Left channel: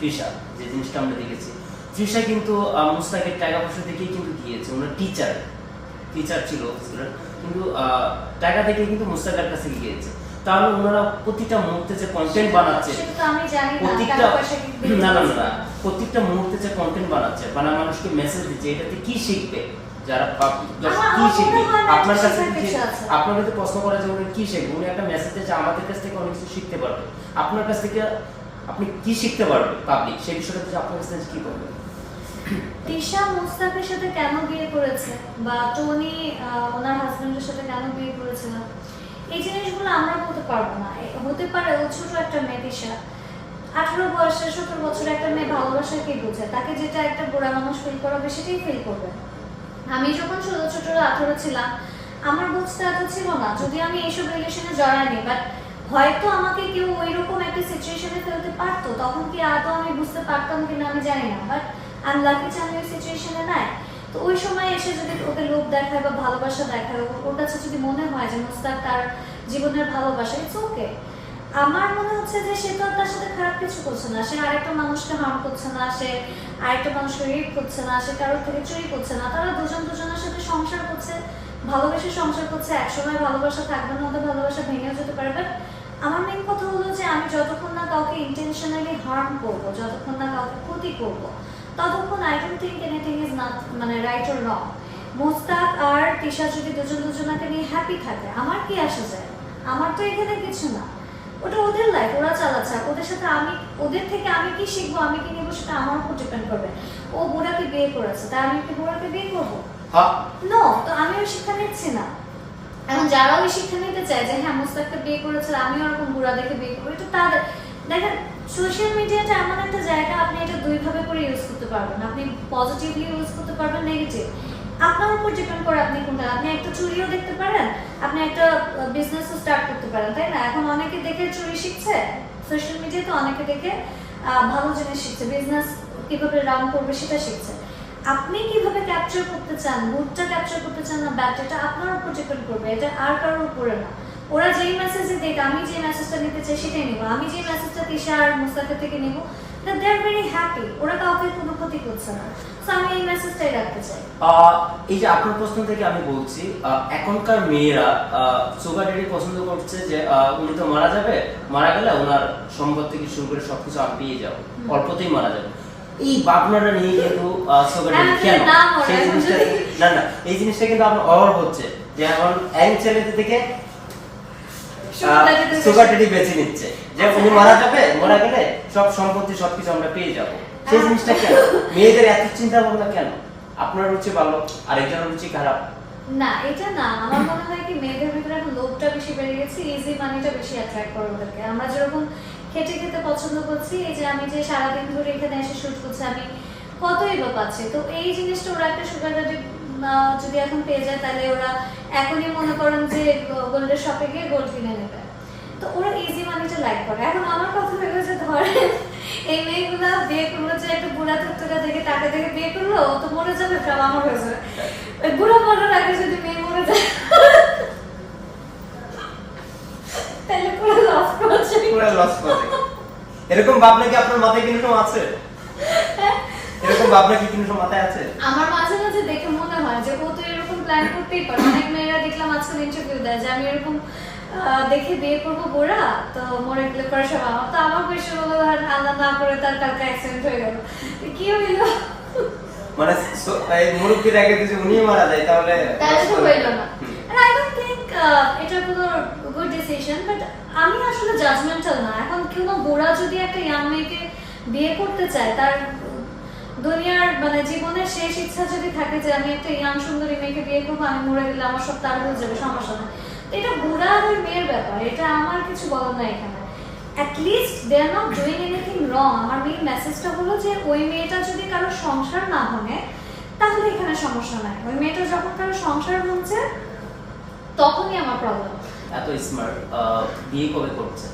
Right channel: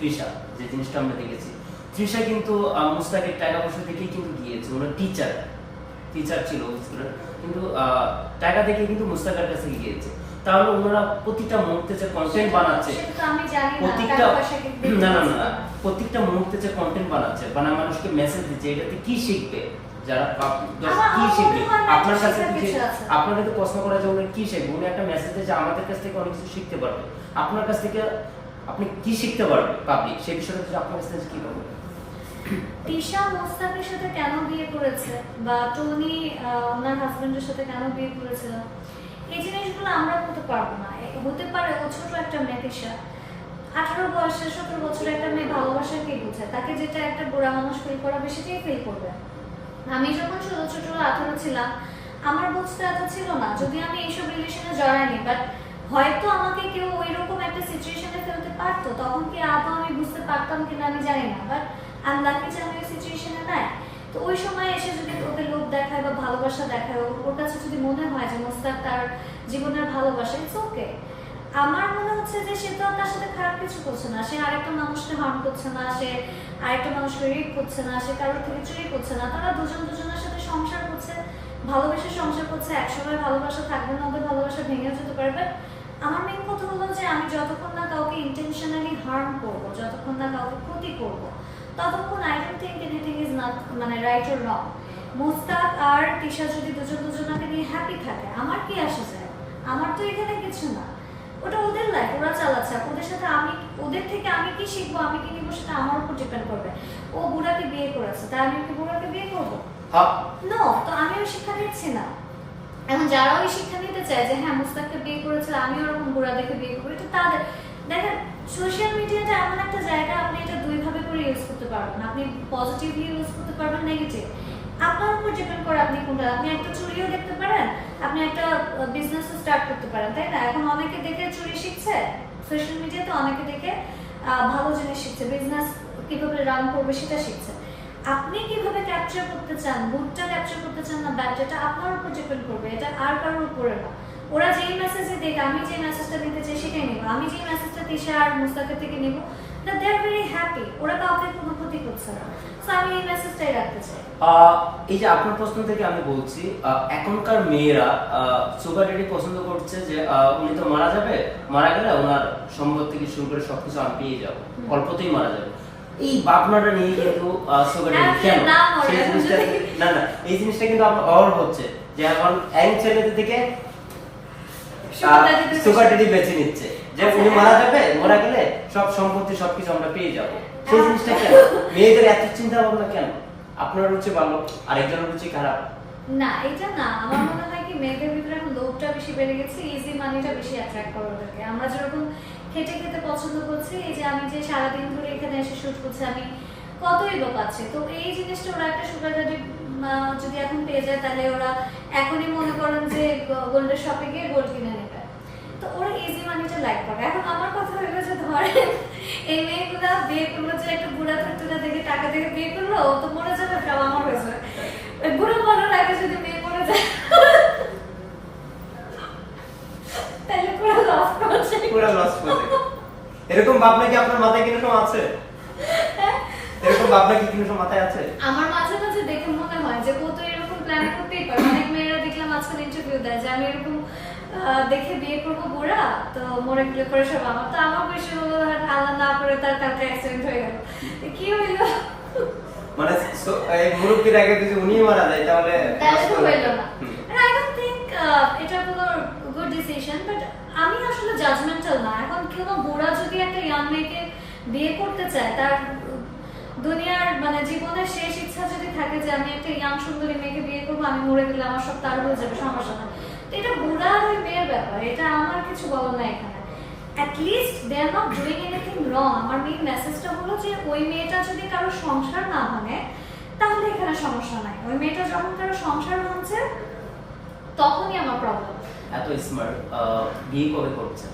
তৃষা, যে জিনিসটা আমরা দেখেছি, তৃষা কিন্তু মুস্তাকের টাকা পয়সা দেখেই কিন্তু গিয়েছে। ওনার টিচার ছিল কিন্তু টাকা থেকে কিন্তু মুস্তাকের কাছে গিয়েছে। তাহলে ওনারা প্রতিটা মুহূর্তে যে কন্টেন্ট বানাচ্ছে, প্রত্যেকটা মুহূর্তে যে কন্টেন্ট বানাচ্ছে, মানুষকে মেসেজ দিচ্ছে, এটাতে কি শিখবে যারা কি শিখবে? আপনার কাছে আপনাকে তো প্রশ্ন করা যায় উনি কি শিখবে? উনি একটা মেসেজ দিচ্ছে আমাদের কাছ থেকে অনেক কিছু শিখতে পারবে। আপনার কাছ থেকে আপনি কি শিখতে পারবে পাবলিক, সেই বিষয়টা যদি আপনার কাছে কি বলবেন? তৃষা মুস্তাকের সাথে কেন বিয়ে করেছে বা টনি ওনার হাজবেন্ডের সাথে কেন বিয়ে করেছে, এই জিনিসগুলো আমরা বলতে পারবো না। হতে পারে ও ছোট একটা মেয়ে, তৃষা 18 বয়সের 17 বছরের একটা মেয়ে ভালোবাসা কে বোঝে, তাকে যেটা একটা বুড়া মানুষ ফিল করাবে সেটাই ফিল করবে। আমি যখন ছোট 18 ছিলাম আমার বুঝতে এত ছিল না, যদি আমি এইসব রিলেশনে জড়াইনি, বাট হয়তো আমাকে কেউ ওইরকম একটা সিচুয়েশনে ফেলতে পারতো, তখন কি আদৌ আমি বুঝতে পারতাম কিনা আমি জানি না, বাট আমি লাকি যে আমি ওই সিচুয়েশনে নাই। তো ওই সময় এসে যদি ওকে লোভ দেখায় বা ভালোবাসা দেখায়, ওর কাছে যদি মনে হয় যে মুস্তাক তার জীবনের ভালোবাসা, ইটস ওকে। আমার মনে হচ্ছে যে সে তো তার সাথে খারাপ কিছু করছে না, সে আরেকটা মানুষকে হার্ম করছে না, সে আরেকটা মানুষকে রেপ করছে না, সে কারোর থেকে চুরি করছে না। তারা দুজনের সাথে সংসার করছে, ভালোবেসে সংসার করছে। একসময় ভালোবাসা থাকবে না, ওদের ভালোবাসা ভেঙেও যেতে পারে। বাট আমার মেইন কথা হলো যে আমি যতক্ষণ না কাউকে ইন্টেনশনালি হার্ম করবো, যতক্ষণ না কাউকে ক্ষতি করবো, ততক্ষণ I don't think anything is not right or wrong. Mushtaq আর তৃষা যদি দুজনাকে নিয়ে হ্যাপি থাকে, আমার কি আসে যায়? আমার তো এখানে কিছু না, ওটা ওদের লাইফ, ওরা চালাচ্ছে। ওদের সাথে আমি, ওদের থেকে আমি কি শিখবো, আমি কি নেবো, সেটা আমার উপর ডিপেন্ড করবে। ও বুড়াকে বিয়ে করেছে, তাই আমি কি বুড়াকে বিয়ে করবো? নো, তো আমি ওই শিক্ষা নিচ্ছি না। এখন যারা ওই শিক্ষা নিতে চায় যে হ্যাঁ মুস্তাককে বিয়ে করেছিল, আমি ওরকম বুড়া দেখে বিয়ে করবো, এটা তাদের। দেখেন সোশ্যাল মিডিয়াটা এমন একটা জায়গা, আপনি এটা দুইভাবে করে ইউজ করতে পারবেন। আপনি পজিটিভলি ইউজ করতে পারবেন, নেগেটিভ আপনার উপর ডিপেন্ড করে আপনি কোনটা। আপনি একটা চুরিও দেখতে পারেন, আপনি একটা বিজনেসও স্টার্ট করতে পারেন, তাই না? এখন অনেকে দেখে চুরি শিখছে সোশ্যাল মিডিয়াতে, অনেকে দেখে ভালো জিনিস শিখছে, বিজনেস কিভাবে রান করবে সেটা শিখছে। আপনি কিভাবে ক্যাপচার করতে চান, গুডটা ক্যাপচার করতে চান না ব্যাড, এটা আপনার উপর ডিপেন্ড করবে, এটা আর কারোর উপরে না। ওরা যেই মেসেজে দেখ, আমি যে মেসেজটা নিতে চাই সেটাই নেব। আমি যে মেসেজটা তৃষা আর মুস্তাকের থেকে নেব, দে আর ভেরি হ্যাপি, ওরা কাউকে কোনো ক্ষতি করছে না। সো আমি এই মেসেজটাই রাখতে চাই। এই যে আপনার প্রশ্ন থেকে আমি বলছি, এখনকার মেয়েরা সুগার ড্যাডি পছন্দ করছে যে উনি তো মারা যাবে, মারা গেলে ওনার সম্পদ থেকে শুরু করে সবকিছু আমি পেয়ে যাবো, অল্পতেই মারা যাবে। এই ভাবনাটা নিয়ে কিন্তু সুগার ড্যাডি কেন সেই জিনিসটা না এই জিনিসটা কিন্তু আপনার অভাব হচ্ছে যে এখন এক ছেলেদের থেকে সুগার ড্যাডি বেছে নিচ্ছে যে উনি মারা যাবে, মারা গেলে সব সম্পত্তি সবকিছু আমরা পেয়ে যাবো। সেই জিনিসটা কেন মেয়েদের এত চিন্তা ভাবনা কেন? আপনার রুচি ভালো, আরেকজনের রুচি খারাপ না, এটা না। আমার মনে হয় কি মেয়েদের ভিতরে এখন লোভটা বেশি বেড়ে গেছে, ইজি মানিটা বেশি অ্যাট্রাক্ট করে ওদেরকে। আমরা যেরকম খেটে খেতে পছন্দ করছি, এই যে আমি যে সারাদিন ধরে এখানে এসে শুট করছি, আমি কতই বা পাচ্ছি। তো এই জিনিসটা ওরা একটা সুগার ড্যাডি যদি এখন পেয়ে যায়, তাহলে ওরা এখনই মনে করেন যে গোল্ডের শপে গিয়ে গোল্ড কিনে নেবে। তো ওরা ইজি মানিটা লাইক করে। এখন আমার কথা হলো যে ধরেন এই মেয়েগুলা বিয়ে করলো যে একটু বুড়া তুকতুকা দেখে টাকা দেখে বিয়ে করলো, ও তো মরে যাবে, সব আমার হয়ে যাবে। ওই বুড়া মরার আগে যদি মেয়ে মরে যায় তাহলে পুরো লস করছে, পুরো লস করছে। এরকম ভাবনা কি আপনার মাথায় কোনো সময় আছে? এরকম ভাবনা কি কোনো সময় মাথায় আছে? আমার মাঝে মাঝে দেখে মনে হয় যে ও তো এরকম প্ল্যান করতেই পারে। অনেক মেয়েরা দেখলাম আজকাল ইন্টারভিউ দেয় যে আমি এরকম দেখে বিয়ে করবো বুড়া, তো মরে গেলে পরে সব আমার। তো আমার বেশি হলো আল্লাহ না করে তার কালকে অ্যাক্সিডেন্ট হয়ে গেল, কি হইলো? মানে এই মুরব্বির আগে যদি উনি মারা যায় তাহলে তো হইলো না। And I don't think এটা কোনো গুড ডিসিশন, বাট আমি আসলে জাজমেন্টাল না। এখন কোনো বুড়া যদি একটা ইয়াং মেয়েকে বিয়ে করতে চায়, তার দুনিয়ার মানে জীবনের শেষ ইচ্ছা যদি থাকে যে আমি একটা ইয়াং সুন্দরী মেয়েকে বিয়ে করবো, আমি মরে গেলে আমার সব তার হয়ে যাবে, সমস্যা নেই। এটা বুড়া আর ওই মেয়ের ব্যাপার, এটা আমার কিছু বলার নাই এখানে। at least they are not doing anything wrong. আমার মেইন মেসেজটা হলো যে ওই মেয়েটা যদি কারো সংসার না ভাঙে তাহলে এখানে সমস্যা নাই। ওই মেয়েটা যখন কারো সংসার ভাঙছে তখনই আমার প্রবলেম। এত স্মার্ট, বিয়ে কবে করছেন?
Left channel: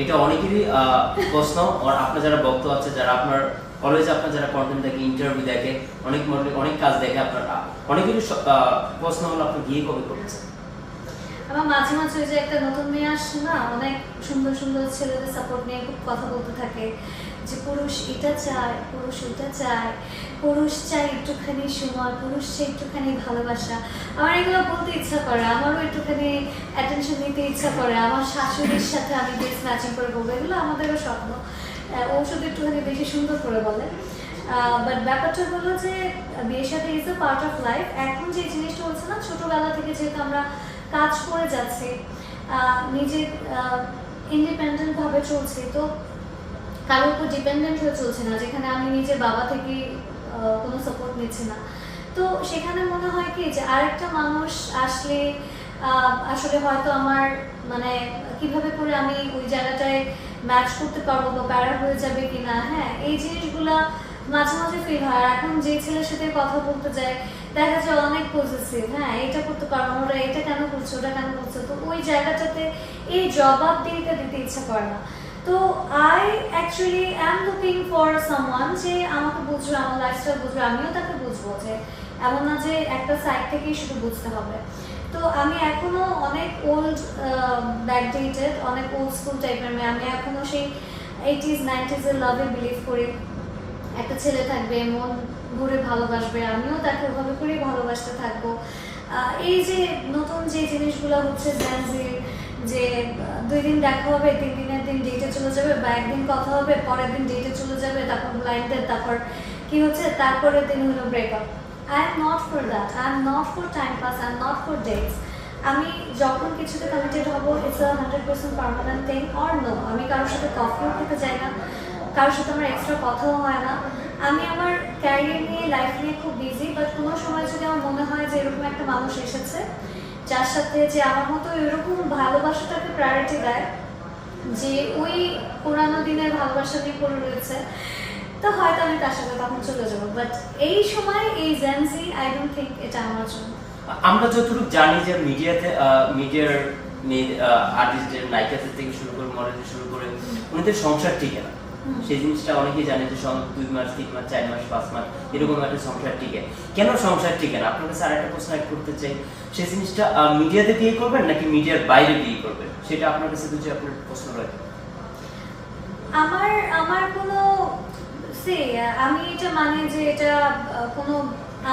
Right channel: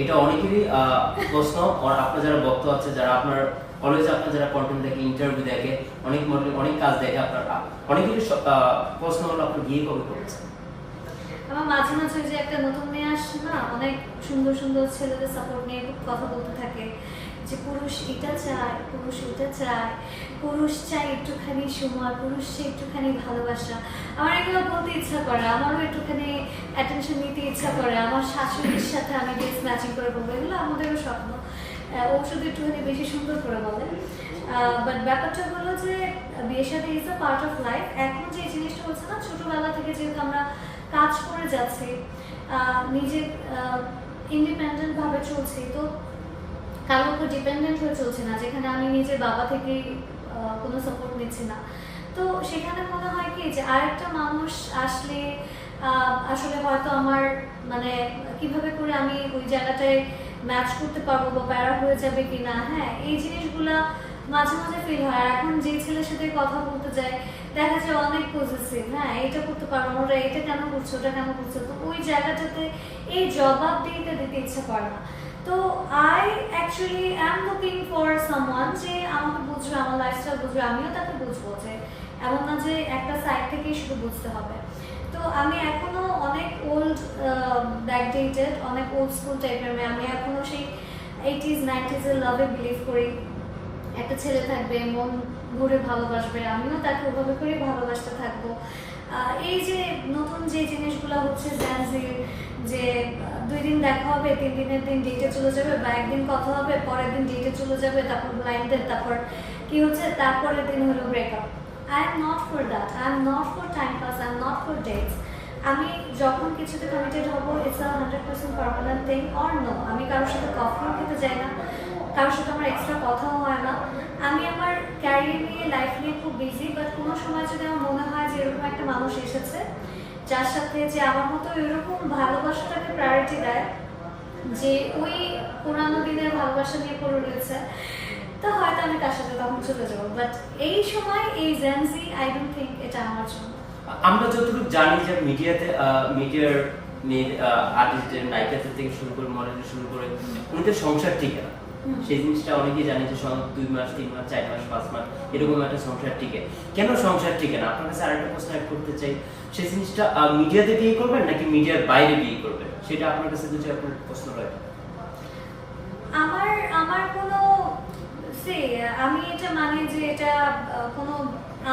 এটা অনেকেরই প্রশ্ন। আর আপনার যারা ভক্ত আছে, যারা আপনার অলওয়েজ আপনার যারা কন্টেন্ট দেখে, ইন্টারভিউ দেখে, অনেক কাজ দেখে, আপনার অনেকেরই প্রশ্ন হলো আপনি বিয়ে কবে করছেন? আমার মাঝে মাঝে যে একটা নতুন মেয়ে আসছে না, অনেক সুন্দর সুন্দর ছেলেদের সাপোর্ট নিয়ে খুব কথা বলতে থাকে যে পুরুষ এটা চায়, পুরুষ এটা চায়, পুরুষ চায় একটুখানি সময়, পুরুষ চায় একটুখানি ভালোবাসা। আমার এগুলো বলতে ইচ্ছা করে, আমারও একটুখানি অ্যাটেনশন নিতে ইচ্ছা করে, আমার শাশুড়ির সাথে আমি ড্রেস ম্যাচিং করে বলবো, এগুলো আমাদেরও স্বপ্ন। ও শুধু একটুখানি বেশি সুন্দর করে বলে। বাট ব্যাপারটা হলো যে বিয়ের সাথে is a part of life. এখন যে জিনিসটা হচ্ছে না, ছোটবেলা থেকে যেহেতু আমরা কাজ করে যাচ্ছি, নিজে ইন্ডিপেন্ডেন্ট ভাবে চলছি, তো কারোর উপর ডিপেন্ডেন্ট হয়ে চলছে না, যেখানে আমি নিজের বাবা থেকে কোনো সাপোর্ট নিচ্ছি না। তো সেখানে মনে হয় কি যে আরেকটা মানুষ আসলে আসলে হয়তো আমার মানে কিভাবে করে আমি ওই জায়গাটায় ম্যাচ করতে পারবো বা প্যারা হয়ে যাবে কিনা, হ্যাঁ এই জিনিসগুলা মাঝে মাঝে ফিল হয়। এখন যে ছেলের সাথে কথা বলতে যায় দেখা যায় অনেক পজিটিভ, হ্যাঁ এটা করতে পারবো, ওরা এটা কেন করছে, ওটা কেন করছে, তো ওই জায়গাটাতে এই জবাব দিতে ইচ্ছা করে না। তো I actually am looking for someone যে আমাকে বুঝবে, আমার লাইফস্টাইল বুঝবে, আমিও তাকে বুঝবো, যে এমন না যে একটা সাইড থেকেই শুধু বুঝতে হবে। তো আমি এখনো অনেক ওল্ড ব্যাকডেটেড, অনেক ওল্ড স্কুল টাইপের মেয়ে। আমি এখনো সেই 80s 90s এর লাভে বিলিভ করি। একটা ছেলে থাকবে, মন ভরে ভালোবাসবে, আমিও তাকে ওভাবে করেই ভালোবাসতে থাকবো। এই যে নতুন যে জিনিসগুলো হচ্ছে জেনজির, যে 2 দিন দেখা হবে, 3 দিনের দিন ডেটে চলে যাবে, বা একদিন কথা হবে, পরের দিন ডেটে চলে যাবে, তারপর ব্লাইন্ড ডেট, তারপর কি হচ্ছে তারপরের দিন হলো breakup. I am not for that, I am not for time pass, I am not for dates. আমি যখন কিছুতে কমিটেড হব, it's a 100% permanent thing or no. আমি কারোর সাথে কফিও খেতে যাই না, কারোর সাথে আমার এক্সট্রা কথাও হয় না। আমি আমার ক্যারিয়ার নিয়ে, লাইফ নিয়ে খুব বিজি, বাট কোনো সময় যদি আমার মনে হয় যে এরকম একটা মানুষ এসেছে যার সাথে যে আমার মতো এরকম ভালোবাসাটাকে প্রায়োরিটি দেয়, যে ওই পুরানো দিনের ভালোবাসা নিয়ে পড়ে রয়েছে, তো হয়তো আমি তার সাথে তখন চলে যাবো। বাট এই সময় এই জেনজি আই ডোন্ট থিঙ্ক এটা আমার জন্য। আমরা যতটুকু জানি যে মিডিয়ার আর্টিস্টদের, নায়িকাদের থেকে শুরু করে মডেল শুরু করে উনিদের সংসার টিকে না। সেই জিনিসটা অনেকেই জানে যে 2 মাস 3 মাস 4 মাস 5 মাস এরকম একটা সংসার টিকে। কেন সংসার টিকে না? আপনার কাছে আরেকটা প্রশ্ন করতে চাই, সেই জিনিসটা মিডিয়াতে বিয়ে করবেন নাকি মিডিয়ার বাইরে বিয়ে করবেন, সেটা আপনার কাছে যদি আপনার প্রশ্ন রয়। আমার কোনো আমি এটা মানে যে এটা কোনো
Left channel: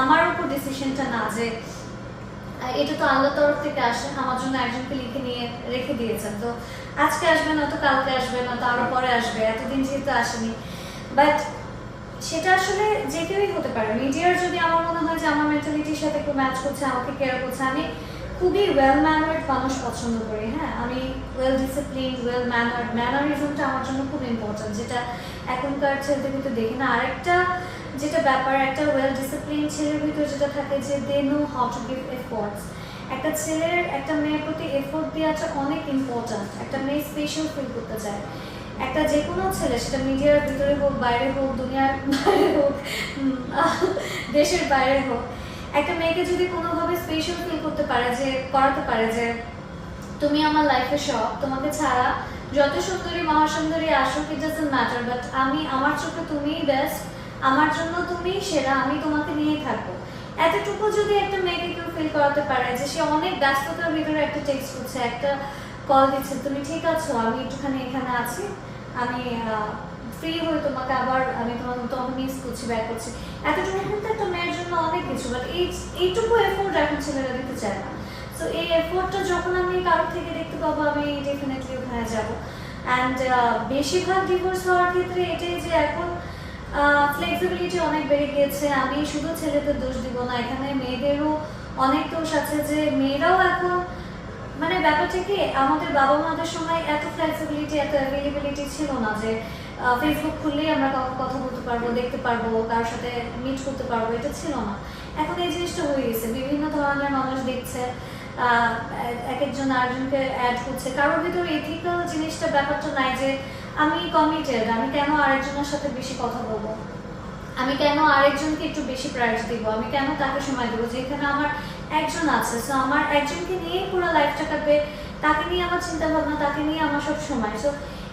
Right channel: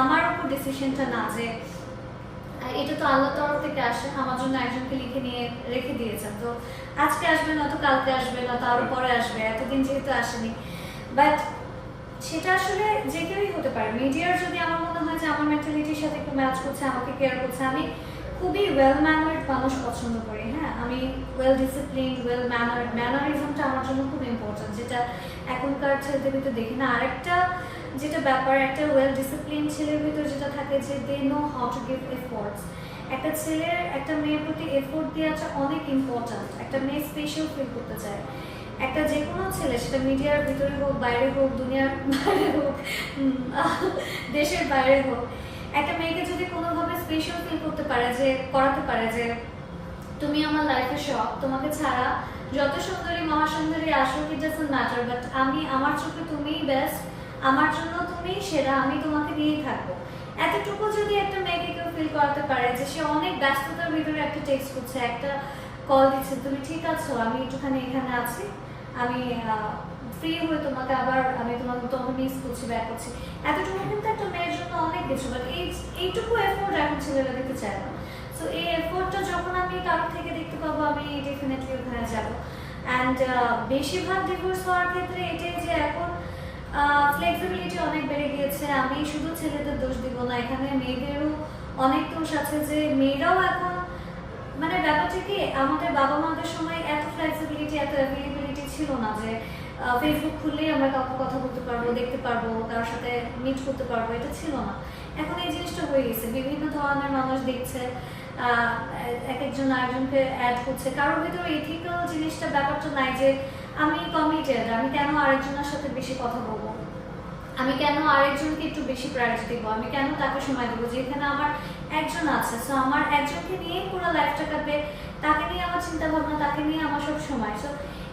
আমার উপর ডিসিশনটা না, যে এটা তো আল্লাহর তরফ থেকে আসে, আমার জন্য একজনকে লিখে নিয়ে রেখে দিয়েছেন, তো আজকে আসবে না তো কালকে আসবে না তো আরো পরে আসবে, এতদিন যেহেতু আসেনি। বাট সেটা আসলে যে কেউই হতে পারে। মিডিয়ার যদি আমার মনে হয় যে আমার মেন্টালিটির সাথে একটু ম্যাচ করছে, আমাকে কেয়ার করছে, আমি খুবই ওয়েল ম্যানার্ড মানুষ পছন্দ করি, হ্যাঁ আমি ওয়েল ডিসিপ্লিন, ওয়েল ম্যানার্ড, ম্যানারিজমটা আমার জন্য খুব ইম্পর্টেন্ট, যেটা এখনকার ছেলেদের ভিতরে দেখি না। আরেকটা যেটা ব্যাপার, একটা ওয়েল ডিসিপ্লিন ছেলের ভিতরে যেটা থাকে যে they know how to give efforts. একটা ছেলের একটা মেয়ের প্রতি এফোর্ট দেওয়াটা অনেক ইম্পর্টেন্ট। একটা মেয়ে স্পেশাল ফিল করতে চায়, একটা যে কোনো ছেলে, সেটা মিডিয়ার ভিতরে হোক, বাইরে হোক, দুনিয়ার বাইরে হোক, দেশের বাইরে হোক, একটা মেয়েকে যদি কোনোভাবে স্পেশাল ফিল করতে পারে, যে করাতে পারে যে তুমি আমার লাইফে সব, তোমাকে ছাড়া যত সুন্দরী মহাসুন্দরী আসুক ইট ডাজন্ট ম্যাটার, বাট আমি, আমার চোখে তুমিই বেস্ট, আমার জন্য তুমি সেরা, আমি তোমাকে নিয়েই থাকবো। এতটুকু যদি একটা মেয়েকে কেউ ফিল করাতে পারে, যে সে অনেক ব্যস্ততার ভিতরে একটা টেক্সট করছে, একটা কল দিচ্ছে, তুমি ঠিক আছো, আমি একটুখানি এখানে আছি, আমি ফ্রি হয়ে তোমাকে আবার আমি তোমাকে মিস করছি, ব্যাক করছি, এতটুকু কিন্তু একটা মেয়ের জন্য অনেক কিছু। বাট এইটুকু এফোর্ট এখন ছেলেরা দিতে চায় না। সো এই এফোর্টটা যখন আমি কারোর থেকে দেখতে পাবো, আমি ডেফিনেটলি ওখানে যাবো। অ্যান্ড বেশিরভাগ ডিভোর্স হওয়ার ক্ষেত্রে এটাই যে এখন ফ্লেক্সিবিলিটি অনেক বেড়ে গিয়েছে। আমি শুধু ছেলেদের দোষ দিব না, এখানে মেয়েদেরও অনেক দোষ আছে, যে মেয়েরাও এখন মানে ব্যাপারটা কি, আমাদের বাবা মাদের সময় এত ফ্লেক্সিবিলিটি, এত অ্যাভেলেবিলিটি ছিল না, যে ফেসবুক খুললেই আমরা কথা বলতে পারবো, দেখতে পারবো, কারোর সাথে মিট করতে পারবো, এটা ছিল না। এখন এই জিনিসটা হয়ে গেছে, বিভিন্ন ধরনের মানুষ দেখছে, এক একজন আরেকজনকে অ্যাড করছে, কারোর ভিতরে এথিক্যাল জিনিসটা, ব্যাপারটা নাই যে আমি কমিটেড, আমি কেন আরেকজনের সাথে বেশি কথা বলবো, আমি কেন আরেকজনকে একটু বেশি প্রায়োরিটি দিব, আমি কেন তাকে সময় দেবো, যেখানে আমার একজন আছে, সো আমার একজনকে নিয়েই পুরো লাইফটা কাটবে, তাকে নিয়ে আমার চিন্তা ভাবনা, তাকে নিয়ে আমার সব সময়। সো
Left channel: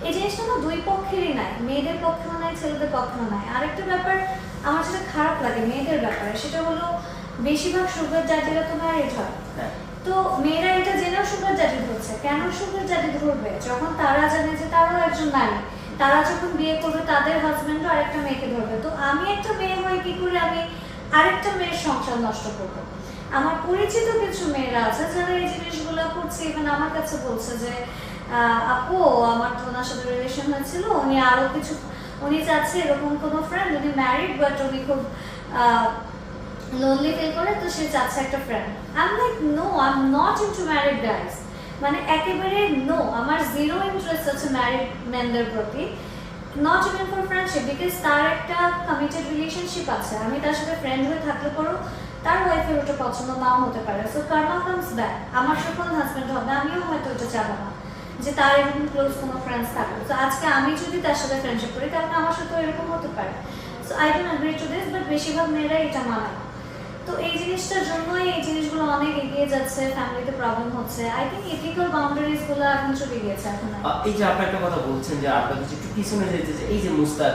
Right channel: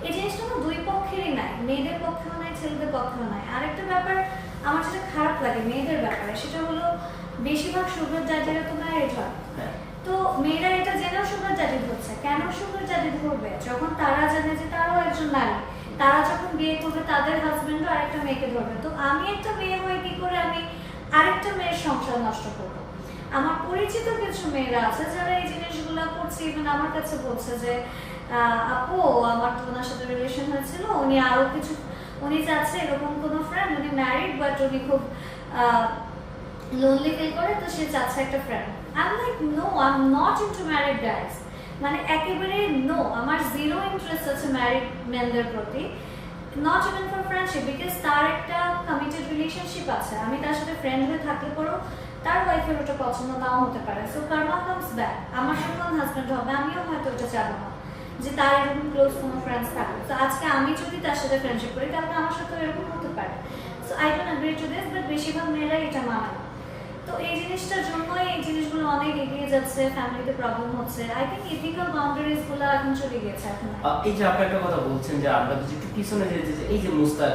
এই জিনিসটা না দুই পক্ষেরই নাই, মেয়েদের পক্ষেও নাই, ছেলেদের পক্ষেও নাই। আরেকটা ব্যাপার আমার যেটা খারাপ লাগে মেয়েদের ব্যাপারে, সেটা হলো বেশিরভাগ সুগার জাতিরা তো ম্যারিড হয়, তো মেয়েরা এটা জেনেও সুগার জাতি ধরছে। কেন সুগার জাতি ধরবে? যখন তারা জানে যে তারাও একজন নারী, তারা যখন বিয়ে করবে তাদের হাজবেন্ডও আরেকটা মেয়েকে ধরবে, তো আমি একটা মেয়ে হয়ে কি করে আমি আরেকটা মেয়ের সংসার নষ্ট করবো? আমার পরিচিত কিছু মেয়েরা আছে যারা এই জিনিসগুলো করছে, ইভেন আমার কাছে বলছে যে আপু আমার তো ওনার সাথে রিলেশন হয়েছিল, উনি আরো কিছু, উনি চাচ্ছে এরকম কোনো ফ্রেন্ড, উনি ম্যারিড বাট উনি খুব লোনলি ফিল করে, তো সে চাচ্ছে একটা friend. I am like no, I am not into married guys, মানে একেবারে নো, আমার জিরো ইন্টারেস্ট আছে ম্যারিড মেনদের প্রতি, not even for friendship, because তার একটা কমিটেড রিলেশনশিপ আছে, আমি তার সাথে ফ্রেন্ড হয়ে থাকলে পরেও তার ওয়াইফের ওটা পছন্দ নাও হতে পারে, সো কার্মা কামস ব্যাক, আমার যখন হাজব্যান্ড হবে আমিও হয়তো ওটা চাবো না যে তার এরকম ক্লোজ কোনো ফ্রেন্ডস থাকবে, তো আজকে আমি যদি তার সাথে ফ্রেন্ডশিপ করি তাহলে আমার সাথে এরকম হতে পারে। So I don't agree to this, but বেশিরভাগ মেয়েরা এটা মানে না, তো এই জিনিসটার জন্যই এই জিনিসগুলো অনেক এগিয়ে যাচ্ছে, ফ্যামিলিতে প্রবলেম হচ্ছে। আই থিঙ্ক এথিক্যাল বাউন্ডারিজ গুলো এখন চলে গিয়েছে এখন। এই যে আপনি একটা কথা বলছেন যে আমরা যদি একটু পিছনে যেতে, যে এই যে মুস্তাক